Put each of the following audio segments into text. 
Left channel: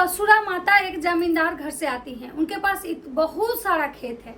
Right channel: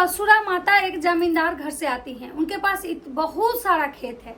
असुरा माता एक जमींदार घर से आती हैं। उनके पास बहुत सारा खेत है।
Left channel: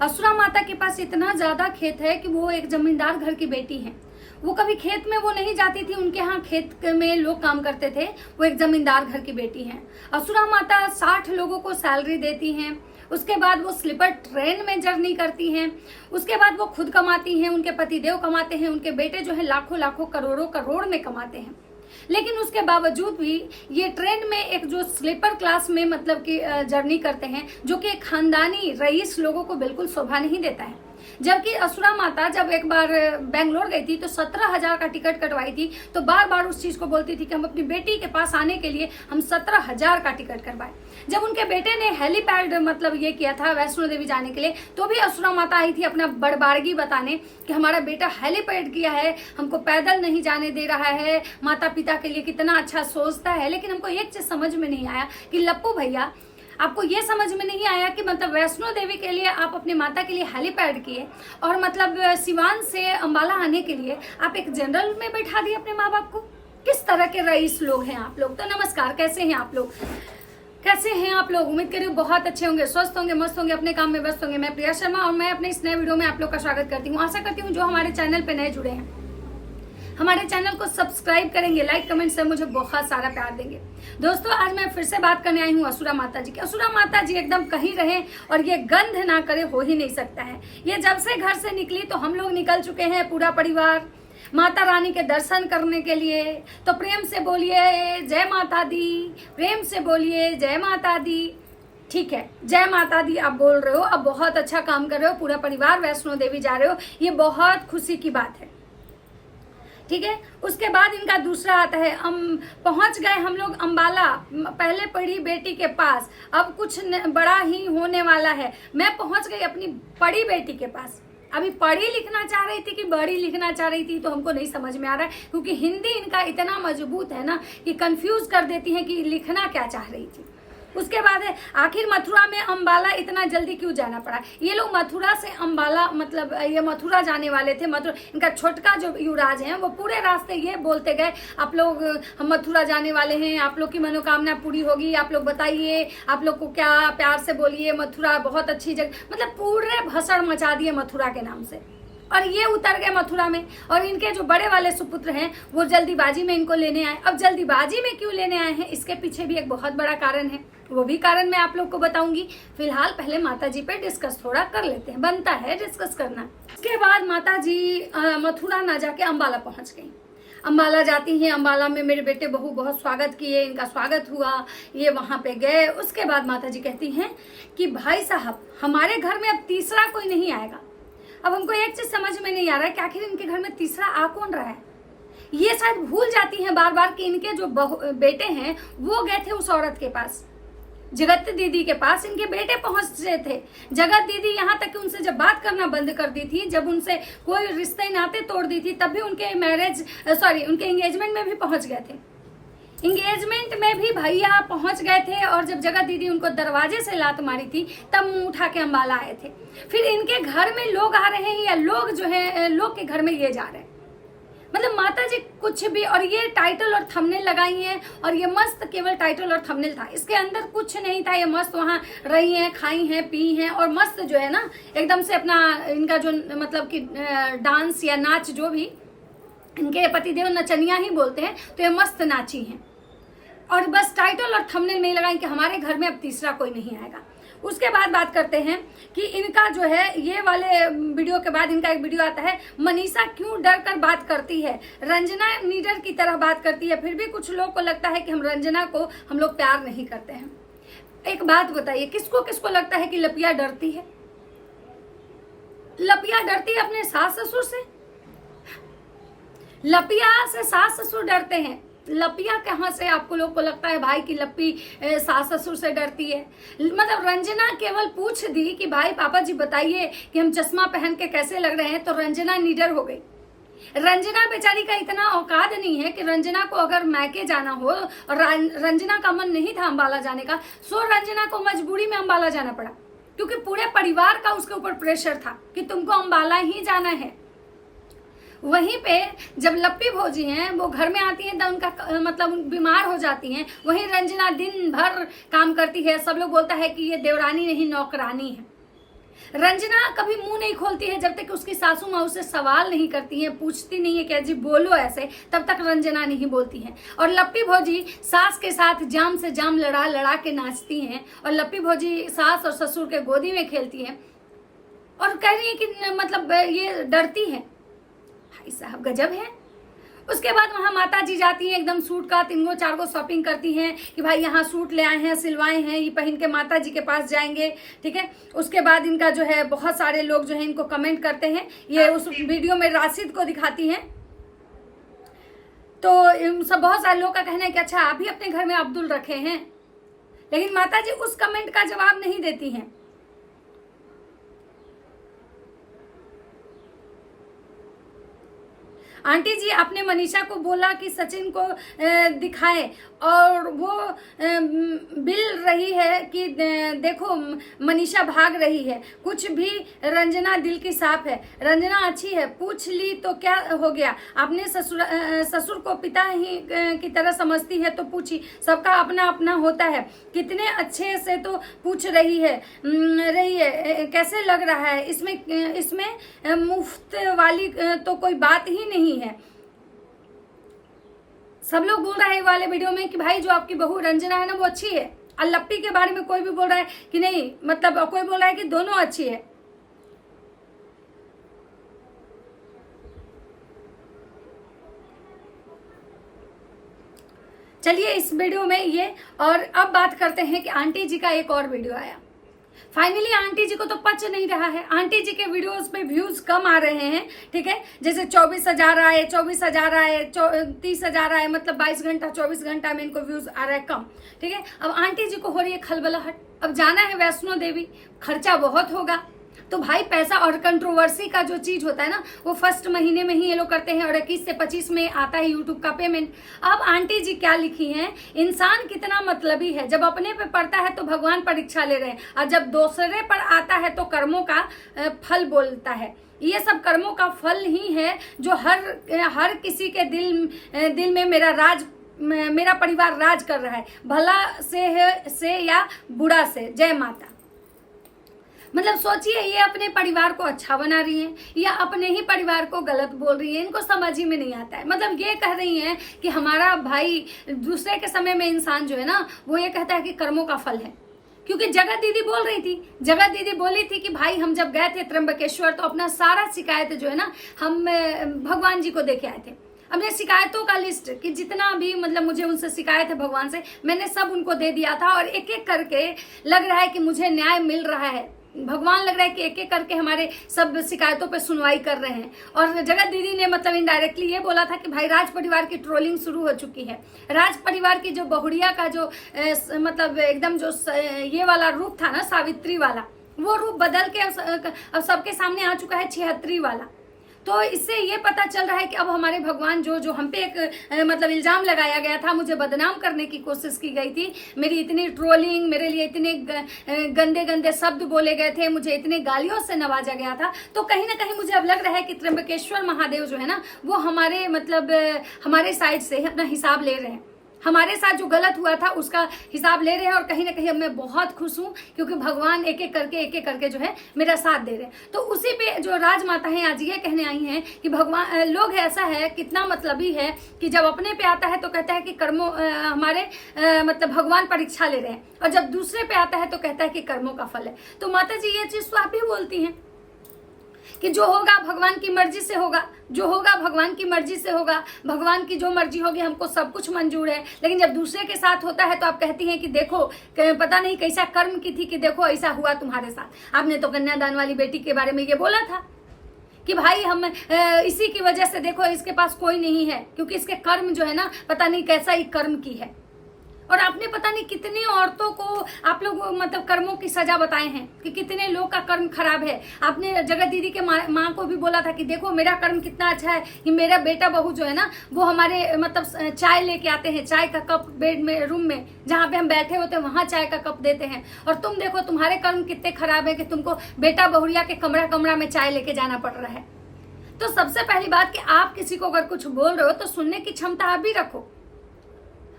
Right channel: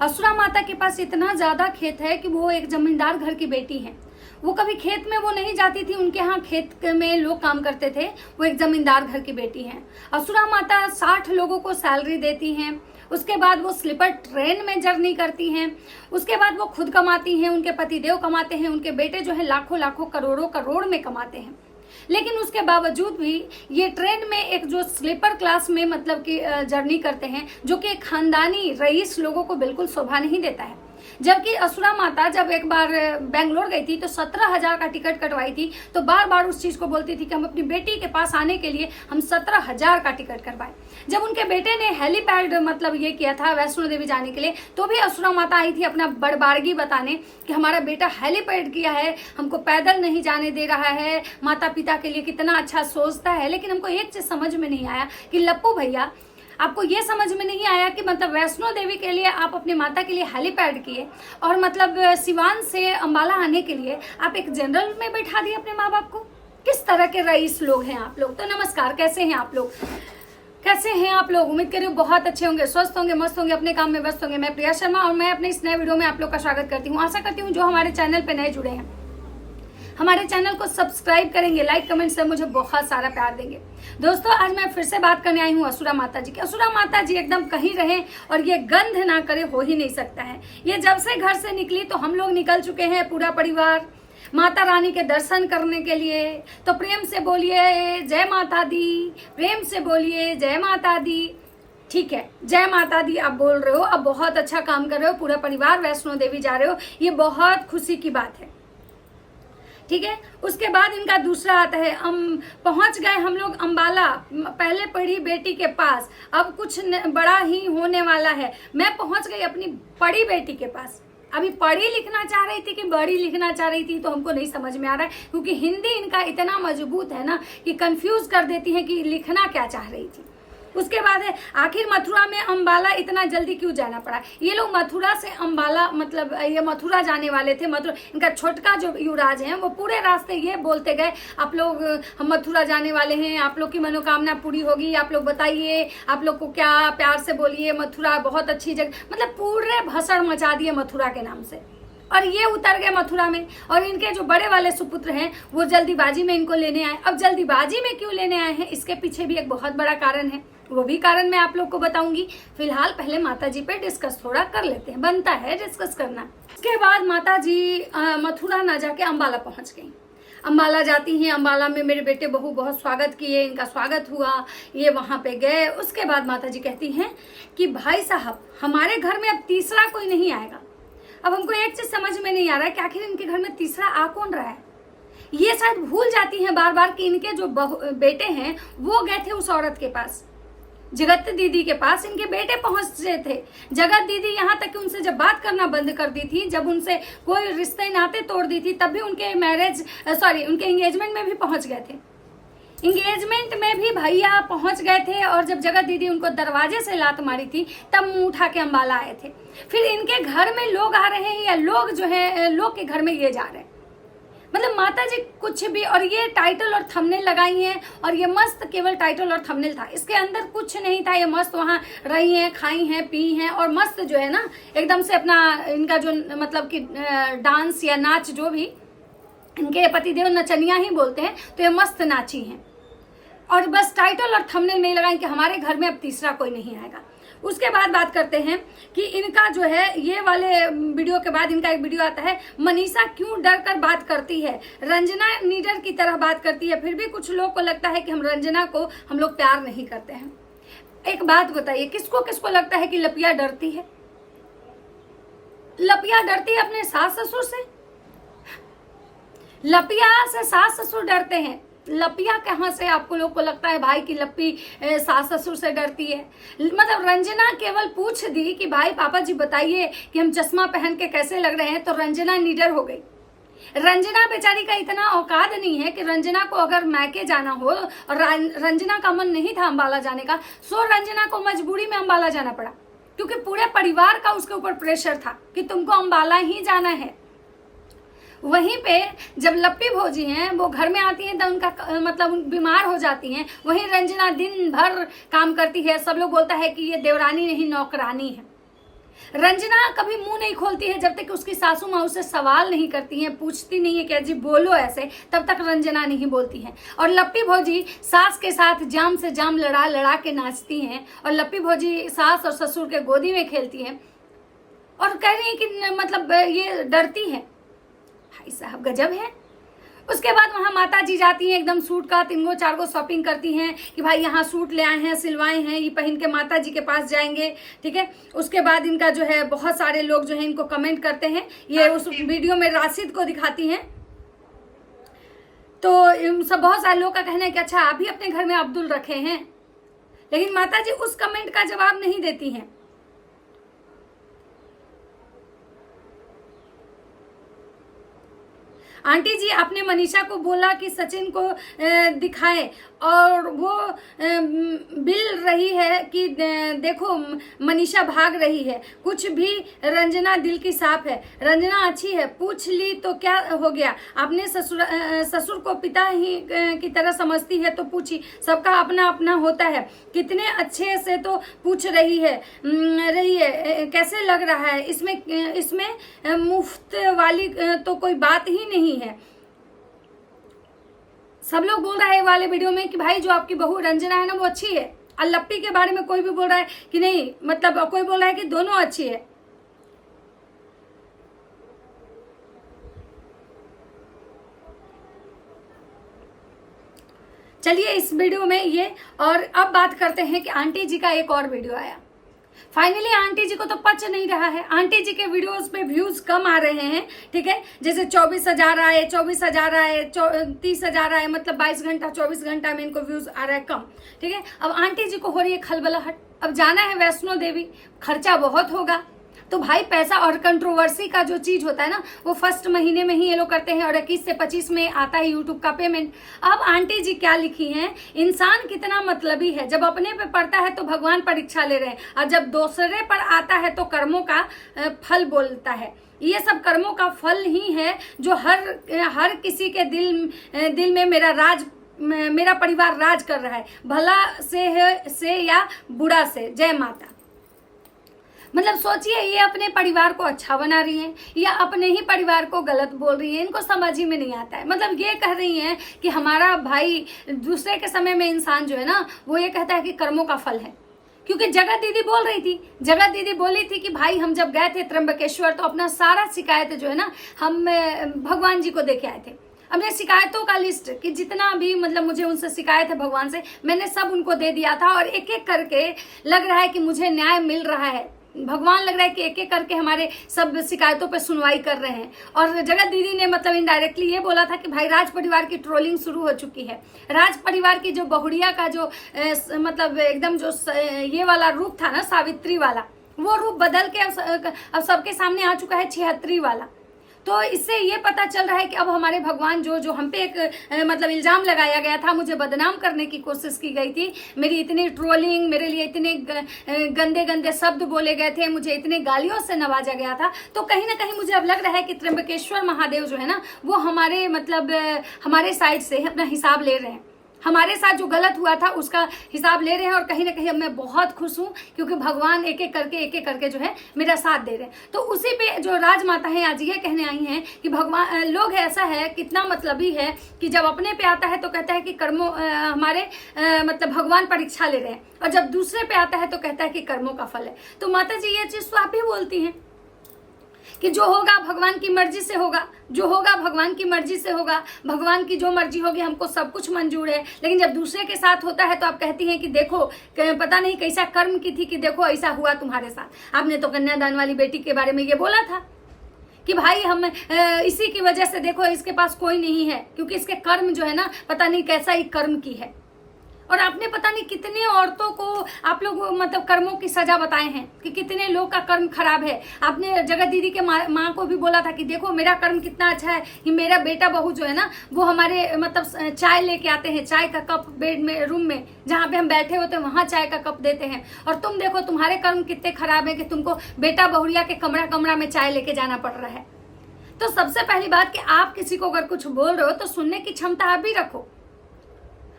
असुरा माता के पास इतना ज्यादा खेत है कि वो एक जमींदार घर की बेटी है। वो कभी खेत में वो नहीं जाती थी, उनके यहाँ खेत में लोग काम करते थे। वो एक जमींदार घर की बेटी है। असुरा माता 60 लोगों को सैलरी देती हैं। उसके बाद वो स्लीपर ट्रेन में जर्नी करती हैं। उसके बाद वो खुद कमाती हैं, उनके पतिदेव कमाते हैं, उनके बेटे जो है लाखों लाखों करोड़ों करोड़ में कमाते हैं। लेकिन उसके बावजूद भी ये ट्रेन में एक जो स्लीपर क्लास में मतलब कि जर्नी करते हैं, जो कि एक खानदानी रईस लोगों को बिल्कुल शोभा नहीं देता है। जबकि असुरा माता जब एक बार बेंगलोर गई थी तो 17,000 का टिकट कटवाई थी, तो बार बार उस चीज को बोलती थी कि हम अपनी बेटी के पास आने के लिए हम 17,000 का टिकट करवाए। जब उनके बेटे ने हेलीपैड मतलब ये किया था वैष्णो देवी जाने के लिए, तो भी असुरा माता आई थी अपना बड़बारगी बताने कि हमारा बेटा हेलीपैड किया है, हमको पैदल नहीं जाने दे रहा है, माता पिता के लिए कितना अच्छा सोचता है। लेकिन हमको एक चीज समझ में नहीं आया कि लप्पू भैया, आपको ये समझ में नहीं आया कि मतलब वैष्णो देवी के लिए आप अपनी माता के लिए हेलीपैड किए और मतलब सिवान से अंबाला आने के लिए आप एक जनरल में बैठा दिए अपने माँ बाप को। किस तरह के रईस लोग हैं आप लोग। तो नमस्कार, कैसे हैं आप लोग, कैसे हैं आप लोग। उम्मीद करिए बहुत अच्छे होंगे, स्वस्थ होंगे, मस्त होंगे, अपने काम में व्यस्त होंगे। मैं प्रिया शर्मा और मैं अपने इस नए वीडियो में आप लोग का स्वागत करती हूँ। आशा करती हूँ जो हमारे चैनल पे नए जुड़े हैं हमारे चैनल को सब्सक्राइब करेंगे, लाइक कमेंट से मुझे बहुत सारा प्यार देंगे। दोस्तों, आज मैं फिर से बात करने आई हूँ असुरा माता जी की। असुरा माता जी एकदम कहीं रहे और ये गंध ना करे हो ही नहीं सकता है। ये जब से घर से निकली तो हम लोग निकल चुके हैं पूरा परिवार माता रानी के दर्शन करने के लिए। तो प्रेम से बोलिए जय माता दी, प्रेम से बोलिए जय माता दी। ठीक है, जय माता दी आप बोल रहे हो, अब बहुत अच्छा काम कर रहे हो, पूरा परिवार वैष्णो देवी जा रहे हो, ये बहुत खुशी की बात है। ठीक है, उसके बाद इनका दूसरा आता है, पहुंच गए हम लोग अंबाला, पहले पढ़ी बेटी के पास, अब कुछ बड़ा ही होने वाला है। मैं पहुंच गई अपनी बड़ी बेटी के पास। अभी पढ़ी लिखना चाह रही थी कि बड़ी लिखना चाह रही थी तो हमको नहीं समझ में आ रहा है, क्योंकि हिंदी इनका इतना मजबूत है ना कि कंफ्यूज कर देती है कि लिखना क्या चाह रही थी। उसके बाद है आखिर मथुरा में अंबाला इतना जल्दी क्यों जाना पड़ा। ये लोग मथुरा से अंबाला मतलब ये मथुरा जाने वाले थे। मथुरा इनका छोटका जो युवराज है वो पूरे रास्ते ये बोलते गए, आप लोग हम मथुरा जाने वाले हैं, आप लोग की मनोकामना पूरी होगी, आप लोग बताइए, आप लोग को क्या, प्यार से बोलिए, मथुरा बहुत अच्छी जगह, मतलब पूरे भसड़ मचा दिए मथुरा के नाम से। और ये उतर गए मथुरा में और इनके जो बड़े वाले सुपुत्र हैं वो जल्दीबाजी में इनको लेने आए। अब जल्दीबाजी में क्यों लेने आए हैं, इसके पीछे भी एक बहुत बड़ा कारण है, वो भी कारण मैं आप लोग को बताऊंगी। फिलहाल पहले माता जी पे डिस्कस थोड़ा कर लेते हैं, बनता है डिस्कस करना। उसके बाद माता जी मथुरा ना जाके अंबाला पहुंच गई। अंबाला जाती हैं, अंबाला में मेरे बेटे बहू बहुत स्वागत किए, इनका स्वागत हुआ, ये वहां पे गए। उसके बाद माता जी कहती हैं कि भाई साहब हमारे घर में अब तीसरा कोई नहीं आएगा। अब हमको एक चीज समझ में नहीं आ रहा है कि आखिर इनके घर में तीसरा आ कौन रहा है। ये शायद भूल जाती हैं बार बार कि इनके जो बेटे हैं वो गए थे उस औरत के पास, जगत दीदी के पास। इनके बेटे पहुंचे थे। जगत दीदी यहाँ तक कि उनसे जब बात करना बंद कर दी थी, जब उनसे कोई रिश्ते नाते तोड़ दी थी, तब भी उनके उनके एंगेजमेंट में भी पहुंच गए थे। इंगेजमेंट में भी भैया पहुंच गए थे और जब जगत दीदी उनको दरवाजे से लात मारी थी तब मुंह उठा के अंबाला आए थे। फिर इनके घर में लोग आ रहे हैं या लोग जो है लोग के घर में ये जा रहे हैं। मतलब माता जी कुछ भी, और ये टाइटल और थंबनेल लगाई हैं और ये मस्त केवल टाइटल और थंबनेल था, इसके अंदर कुछ नहीं था। ये मस्त वहां रही हैं, खाई हैं, पी हैं और मस्त जो है ना एकदम से अपना इनका जो मतलब कि डांस या नाच, जो भी इनके पतिदेव नचनिया ही बोलते हैं, तो ये मस्त नाची हैं। और बस टाइटल और थंबनेल में लगाएं कि हमारे घर में अब तीसरा कोई नहीं आएगा। उसके बाद बात करते हैं कि इनका जो है ये वाले वीडियो के बाद इनका एक वीडियो आता है, मनीषा क्यों डर कर बात करती है, रंजना नीडर की तरह बात करती है, फिर भी कुछ लोग को लगता है कि हम रंजना को हम लोग प्यार नहीं करते हैं। एक बात बताइए, किसको किसको लगता है कि लपिया डरती है? लपिया डरती है अपने सास ससुर से? लपिया से सास ससुर डरते हैं, लपिया कहाँ से आपको लोग को लगता है भाई कि लप्पी सास ससुर से डरती है? मतलब रंजना केवल पूछ दी कि भाई पापा जी बताइए कि हम चश्मा पहन के कैसे लग रहे हैं, तो रंजना निडर हो गई। रंजना बेचारी का इतना औकात नहीं है कि रंजना को अगर मैके जाना हो, और रंजना का मन नहीं था अंबाला जाने का, सो रंजना को मजबूरी में अंबाला जाना पड़ा, क्योंकि पूरे परिवार का उसके ऊपर प्रेशर था कि तुमको अंबाला ही जाना है। वहीं पे जब लप्पी भौजी हैं वो घर में आती हैं तो उनका मतलब बीमार हो जाती हैं, वहीं रंजना दिन भर काम करती है। सब लोग बोलता है कि ये देवरानी नहीं नौकरानी है। रंजना कभी मुंह नहीं खोलती है जब तक उसकी सासू माँ उससे सवाल नहीं करती है, पूछती नहीं है कि अजी बोलो ऐसे, तब तक रंजना नहीं बोलती है। और लप्पी भौजी सास के साथ जाम से जाम लड़ा लड़ा के नाचती हैं, और लप्पी भौजी सास और ससुर के गोदी में खेलती हैं और कह रही है कि मतलब ये डरती है। भाई साहब गजब है। उसके बाद वहां माता जी जाती हैं, एकदम सूट का 3 4 गो शॉपिंग करती हैं कि भाई यहाँ सूट ले आए हैं, सिलवाए हैं, ये पहन के माता जी के पास जाएंगे, ठीक है। उसके बाद इनका जो है बहुत सारे लोग जो है इनको कमेंट करते हैं। ये उस वीडियो में राशिद को दिखाती हैं, तो सब बहुत सारे लोग का कहना है कि अच्छा आप भी अपने घर में अब्दुल रखे हैं, लेकिन माता जी उस कमेंट का जवाब नहीं देती हैं। आंटी जी आपने मनीषा को बोला कि सचिन को दिखाए, और वो बिल रही है कि देखो मनीषा भाग रही है, कुछ भी रंजना दिल की साफ है, रंजना अच्छी है, पूछ ली तो क्या हो गया, आपने ससुर को पिता ही की तरह समझती है तो पूछी, सबका अपना अपना होता है, कितने अच्छे से तो पूछ रही है कैसे लग रहा है, इसमें मुफ्त वाली तो कोई बात ही नहीं है। सब लोग बोल रहे हैं वाले वीडियो में कि भाई जो आपकी बहू रंजना है ना वो अच्छी है, और लप्पी के बारे में कोई भी बोल रहा है कि नहीं, मतलब कोई बोल रहा है कि दोनों अच्छी है। चलिए इस वीडियो में ये, और अब बात करते हैं कि आंटी जी का एक और वीडियो आया। फाइनली आंटी जी को तो पच नहीं रहा है, आंटी जी के वीडियोस पे व्यूज कम आ रहे हैं, ठीक है। जैसे 24,000 आए, 24,000 आए, 30,000 आए, मतलब 22 घंटा 24 घंटा में इनको व्यूज आ रहा है कम, ठीक है। अब आंटी जी को हो रही है खलबलाहट, अब जाना है वैष्णो देवी, खर्चा बहुत होगा, तो भाई पैसा और कंट्रोवर्सी का जो चीज होता है ना वो फर्स्ट महीने में ही ये लोग करते हैं, और 21 से 25 में आता है यूट्यूब का पेमेंट। अब आंटी जी क्या लिखी हैं, इंसान कितना मतलबी है, जब अपने पे पड़ता है तो भगवान परीक्षा ले रहे हैं, और जब दूसरे पर आता है तो कर्मों का फल बोलता है। ये सब कर्मों का फल ही है जो हर किसी के दिल में मेरा परिवार राज कर रहा है, भला से या बुरा से। जय माता। मतलब सोचिए, ये अपने परिवार को अच्छा बना रही हैं या अपने ही परिवार को गलत बोल रही है, इनको समझ ही में नहीं आता है। मतलब ये कह रही हैं कि हमारा भाई, दूसरे के समय में इंसान जो है ना वो ये कहता है कि कर्मों का फल है। क्योंकि जगत दीदी बोल रही थी, जगत दीदी बोली थी कि भाई हम जब गए थे त्र्यंबकेश्वर तो अपना सारा शिकायत जो है ना हम भगवान जी को देके आए थे, अपने शिकायतों का लिस्ट कि जितना भी मतलब मुझे उनसे शिकायत है भगवान से, मैंने सब उनको दे दिया था, और एक एक करके लग रहा है कि मुझे न्याय मिल रहा है। भगवान लग रहा है कि एक एक करके हमारे सब शिकायतों पे सुनवाई कर रहे हैं। और जगत दीदी ने मतलब इनडायरेक्टली ये बोला था कि भाई राज परिवार की ट्रोलिंग शुरू हो चुकी है। राज परिवार की जो बहुड़िया का जो मतलब एकदम जो ये वाला रूप था ना, सावित्री वाला, वो रूप बदल के अब सबके सामने आ चुका है 76 वाला। तो इससे ये पता चल रहा है कि अब हमारे भगवान जो हम पे एक मतलब इल्जाम लगाया गया था, मुझे बदनाम करने की कोशिश की गई थी, मेरी इतनी ट्रोलिंग, मेरे लिए इतने गंदे गंदे शब्द बोले गए थे, मुझे इतने गालियों से नवाजा गया था, तो कहीं ना कहीं मुझे अब लग रहा है कि त्र्यंबकेश्वर महादेव जो है ना वो हमारे मतलब हमारे साइड से अपना हिसाब ले रहे हैं, हमारे साथ जो गलत हुआ था उसका हिसाब ले रहे हैं। और कहीं ना कहीं अब मैं बहुत खुश हूं क्योंकि भगवान एक एक करके जो है मेरा साथ दे रहे हैं। तो उसी पे जो राजमाता है आज ये कहने आई हैं कि भगवान लोग ऐसा है, कितना मतलबी है कि जब अपने पे आता है तो कहता है कि कर्मों हमारे मतलब भगवान परीक्षा ले रहे हैं, और जब दूसरे पे आता है तो कहता है कि कर्मों का फल है। तो माता जी ये चीज तो आप ही बोलती हैं कि जो होगा भगवान की मर्जी से होगा, जो होगा भगवान की मर्जी से होगा, भगवान की जो मर्जी होगी हमको सब कुछ मंजूर है। लेकिन जब दूसरे के साथ होता है तो आप कहती हैं कि देखो पता नहीं कैसा कर्म की थी कि देखो ऐसा हुआ तुम्हारे साथ। आपने तो कन्यादान वाली बेटी के बारे में ये बोला था कि भाई हम इसी की वजह से देखो इसके पास कोई नहीं है, क्योंकि इसके कर्म जो है ना पता नहीं कैसा ही कर्म की है। और आपने पता नहीं कितने औरतों को आप लोग मतलब कर्मों की सजा बताए हैं कि कितने लोग का कर्म खराब है। आपने जगत दीदी के माँ को भी बोला था कि देखो मेरा कर्म कितना अच्छा है कि मेरा बेटा बहू जो है ना वो हमारे मतलब चाय लेके आते हैं, चाय का कप बेड में रूम में जहाँ पे हम बैठे होते हैं वहां चाय का कप देते हैं। और तुम देखो तुम्हारे कर्म कितने खराब है कि तुमको बेटा बहुरिया के कमरा में चाय लेके जाना पड़ रहा है। तो सबसे पहली बात कि आप किसी को अगर कुछ बोल रहे हो तो सुनने की क्षमता आप भी रखो।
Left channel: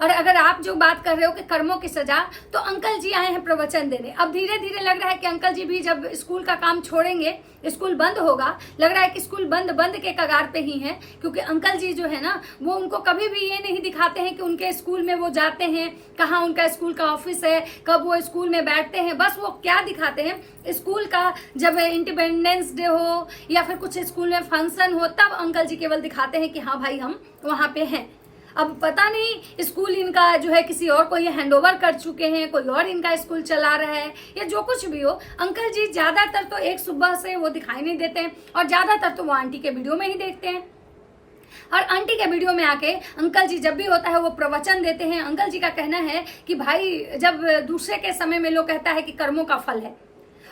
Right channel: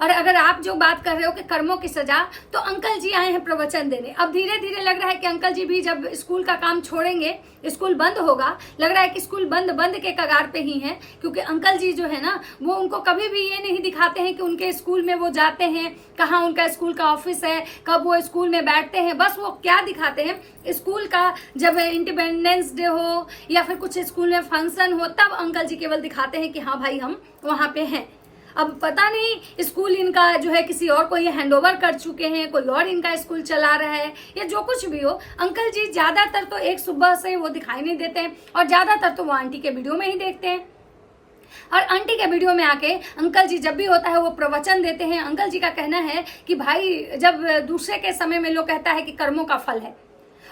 और अगर आप जो बात कर रहे हो कि कर्मों की सजा, तो अंकल जी आए हैं प्रवचन देने। अब धीरे धीरे लग रहा है कि अंकल जी भी जब स्कूल का काम छोड़ेंगे, स्कूल बंद होगा, लग रहा है कि स्कूल बंद के कगार पे ही हैं, क्योंकि अंकल जी जो है ना, वो उनको कभी भी ये नहीं दिखाते हैं कि उनके स्कूल में वो जाते हैं, कहाँ उनका स्कूल का ऑफिस है, कब वो स्कूल में बैठते हैं। बस वो क्या दिखाते हैं, स्कूल का जब इंडिपेंडेंस डे हो या फिर कुछ स्कूल में फंक्शन हो, तब अंकल जी केवल दिखाते हैं कि हाँ भाई हम वहां पे हैं। अब पता नहीं स्कूल इनका जो है किसी और को ये हैंडओवर कर चुके हैं, कोई और इनका स्कूल चला रहा है, या जो कुछ भी हो, अंकल जी ज्यादातर तो एक सुबह से वो दिखाई नहीं देते हैं, और ज्यादातर तो वो आंटी के वीडियो में ही देखते हैं। और आंटी के वीडियो में आके अंकल जी जब भी होता है वो प्रवचन देते हैं। अंकल जी का कहना है कि भाई, जब दूसरे के समय में लोग कहता है कि कर्मों का फल है,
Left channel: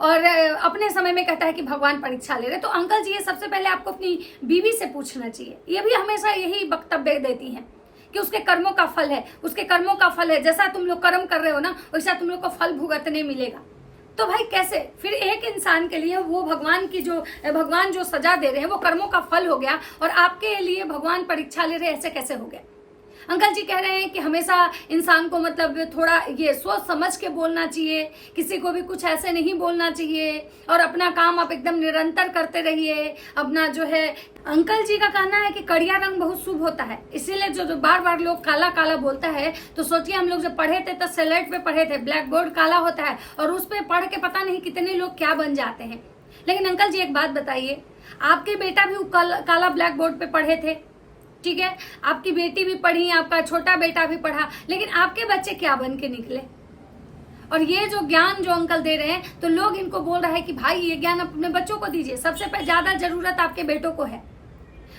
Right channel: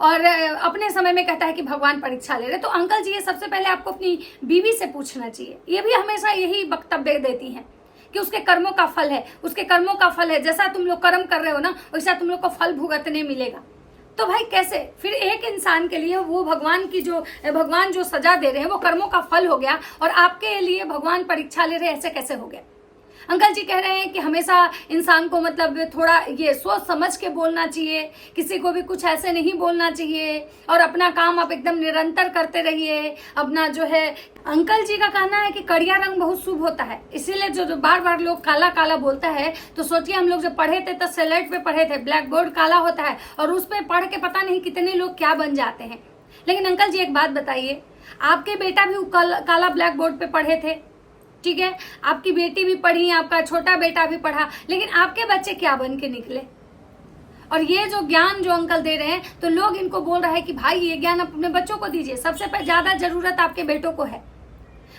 और अपने समय में कहता है कि भगवान परीक्षा ले रहे, तो अंकल जी ये सबसे पहले आपको अपनी बीवी से पूछना चाहिए। ये भी हमेशा यही वक्तव्य देती हैं कि उसके कर्मों का फल है, उसके कर्मों का फल है, जैसा तुम लोग कर्म कर रहे हो ना, वैसा तुम लोग को फल भुगतने मिलेगा। तो भाई कैसे फिर एक इंसान के लिए वो भगवान जो सजा दे रहे हैं वो कर्मों का फल हो गया, और आपके लिए भगवान परीक्षा ले रहे, ऐसे कैसे हो गया? अंकल जी कह रहे हैं कि हमेशा इंसान को मतलब थोड़ा ये सोच समझ के बोलना चाहिए, किसी को भी कुछ ऐसे नहीं बोलना चाहिए, और अपना काम आप एकदम निरंतर करते रहिए। अपना जो है, अंकल जी का कहना है कि कड़िया रंग बहुत शुभ होता है, इसीलिए जो बार बार लोग काला काला बोलता है, तो सोचिए हम लोग जब पढ़े थे तो स्लेट पे पढ़े थे, ब्लैक बोर्ड काला होता है, और उस पर पढ़ के पता नहीं कितने लोग क्या बन जाते हैं। लेकिन अंकल जी एक बात बताइए, आपके बेटा भी काला ब्लैक बोर्ड पे पढ़े थे, ठीक है, आपकी बेटी भी पढ़ी, आपका छोटा बेटा भी पढ़ा, लेकिन आपके बच्चे क्या बन के निकले? और ये जो ज्ञान जो अंकल दे रहे हैं, तो लोग इनको बोल रहे हैं कि भाई ये ज्ञान अपने बच्चों को दीजिए, सबसे पहले ज्यादा जरूरत आपके बेटों को है।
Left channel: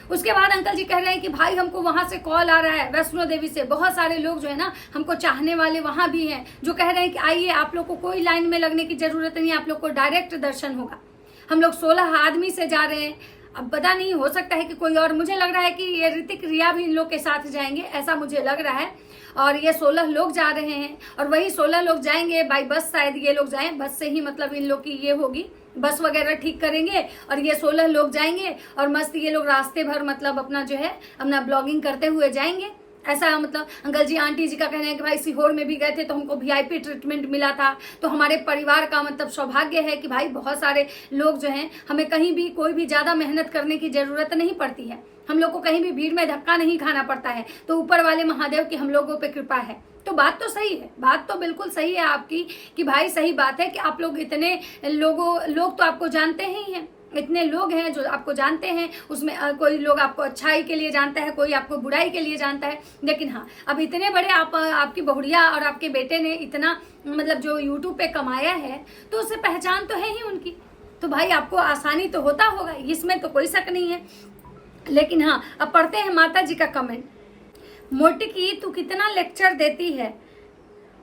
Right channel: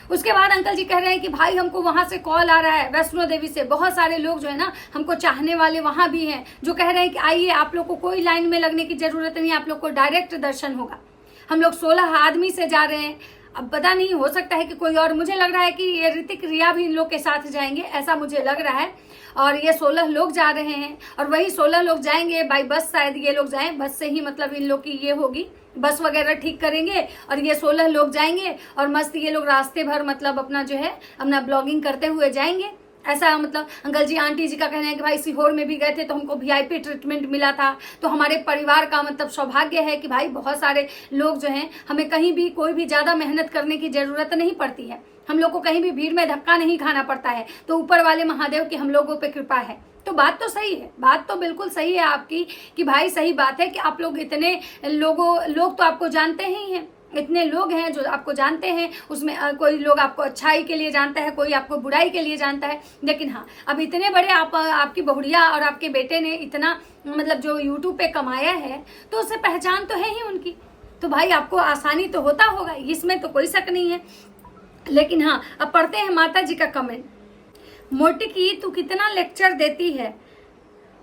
उसके बाद अंकल जी कह रहे हैं कि भाई हमको वहां से कॉल आ रहा है, वैष्णो देवी से बहुत सारे लोग जो है ना, हमको चाहने वाले वहां भी हैं, जो कह रहे हैं कि आइए, आप लोग को कोई लाइन में लगने की जरूरत नहीं, आप लोग को डायरेक्ट दर्शन होगा। हम लोग 16 आदमी से जा रहे हैं, अब पता नहीं, हो सकता है कि कोई और, मुझे लग रहा है कि ये ऋतिक रिया भी इन लोग के साथ जाएंगे, ऐसा मुझे लग रहा है। और ये 16 लोग जा रहे हैं, और वही 16 लोग जाएंगे बाई बस, शायद ये लोग जाएं बस से ही, मतलब इन लोग की ये होगी, बस वगैरह ठीक करेंगे, और ये 16 लोग जाएंगे, और मस्त ये लोग रास्ते भर मतलब अपना जो है अपना ब्लॉगिंग करते हुए जाएंगे। ऐसा मतलब अंकल जी आंटी जी का कहना है कि भाई सीहोर में भी गए थे तो हमको VIP ट्रीटमेंट मिला था, तो हमारे परिवार का मतलब सौभाग्य है कि भाई बहुत सारे लोग जो हैं, हमें कहीं भी कोई भी ज्यादा मेहनत करने की जरूरत नहीं पड़ती है, हम लोग को कहीं भी भीड़ में धक्का नहीं खाना पड़ता है, तो ऊपर वाले महादेव की हम लोगों पे कृपा है। तो बात तो सही है, बात तो बिल्कुल सही है आपकी कि भाई सही बात है कि आप लोग इतने लोग तो आपको जानते ही हैं, इतने लोग हैं जो आपको जानते हैं, उसमें कोई लोग आपको अच्छाई के लिए जानता है, कोई आपको बुराई के लिए जानता है। लेकिन हाँ, अब इतने बड़े आपकी बहुड़िया और आपके बेटे ने इतना मतलब जो यूट्यूब पे कमाया है, तो उसे पहचान तो है ही उनकी, तो भाई आपको आसानी तो होता होगा, इसमें तो कोई शक नहीं है। लेकिन हाँ, अब पढ़ते हैं माता जी का कमेंट। मोटी की तू कितना लेक्चर देती है,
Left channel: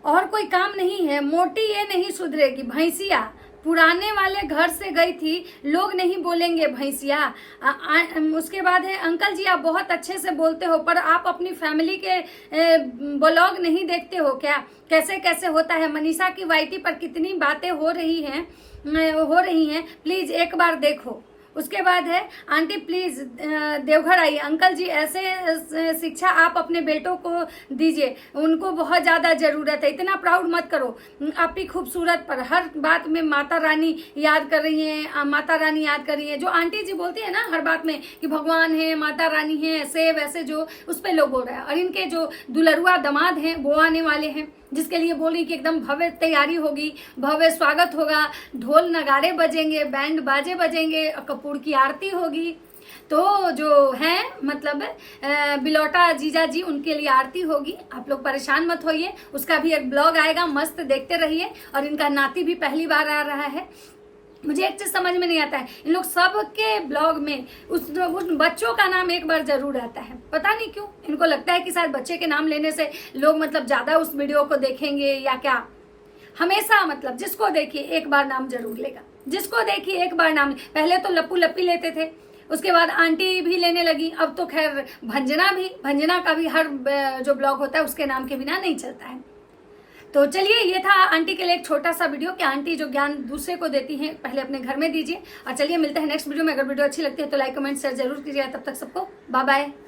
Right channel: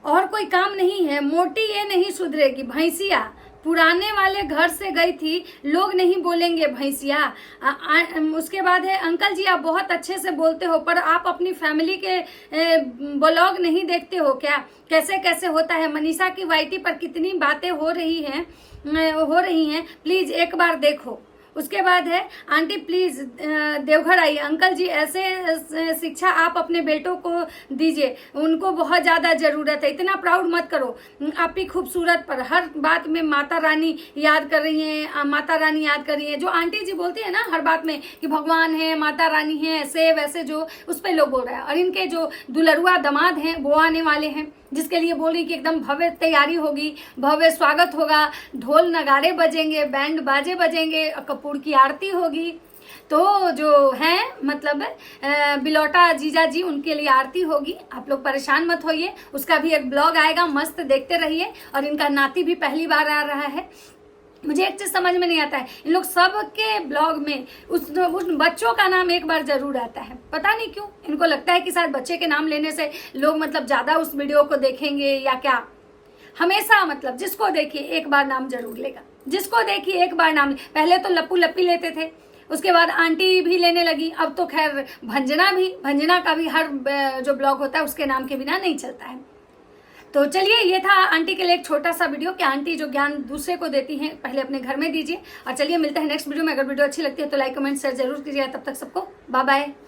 और कोई काम नहीं है, मोटी ये नहीं सुधरेगी, भैंसिया पुराने वाले घर से गई थी, लोग नहीं बोलेंगे भैंसिया। उसके बाद है, अंकल जी आप बहुत अच्छे से बोलते हो, पर आप अपनी फैमिली के ब्लॉग नहीं देखते हो क्या? कैसे कैसे होता है? मनीषा की YT पर कितनी बातें हो रही हैं, प्लीज एक बार देखो। उसके बाद है, आंटी प्लीज देवघर आइए, अंकल जी ऐसे शिक्षा आप अपने बेटों को दीजिए, उनको बहुत ज्यादा जरूरत है, इतना प्राउड मत करो, आप ही खूबसूरत पर हर बात में माता रानी याद कर रही हैं, माता रानी याद कर रही है। जो आंटी जी बोलती है ना हर बात में कि भगवान है, माता रानी है, ऐसे वैसे, जो उस पर लोग बोल रहे हैं। और इनके जो दुलरुआ दामाद हैं वो आने वाले हैं, जिसके लिए बोल रही कि एकदम भव्य तैयारी होगी, भव्य स्वागत होगा, ढोल नगाड़े बजेंगे, बैंड बाजे बजेंगे, कपूर की आरती होगी। तो जो है मतलब बिलौटा जीजा जी, उनके लिए आरती होगी, आप लोग परेशान मत होइए, उसका भी एक ब्लॉग आएगा, मस्त देखते रहिए। और इनका नाती भी पहली बार आ रहा है। मुझे एक चीज समझ में नहीं आता है, इन लोग सबके ब्लॉग में उस बच्चों का नाम एक बार जरूर आता है, पता नहीं क्यों। इनको लगता है कि शायद बच्चे के नाम लेने से लोग मतलब ज्यादा उस वीडियो को देखेंगे या क्या। हमेशा मतलब जिसको देखिए एक बार नाम जरूर लेगा, जिसको देखिए एक बार नाम। पहले तो लप्पू लप्पी लेते थे, उसके बाद आंटी भी लेने लगी, अब तो खैर भंजना का भी हर जो ब्लॉग होता है उसके नाम के बिना नहीं चलता है। तो चलिए, ये था आंटी के लिए एक छोटा सा वीडियो कि आंटी जो ज्ञान दूसरे को देती हैं पहले अपने घर में दीजिए। और चलिए मिलते हैं नेक्स्ट वीडियो में। अगर वीडियो अच्छी लगती है तो लाइक कमेंट शेयर जरूर कीजिएगा। तब तक सबको बाय बाय।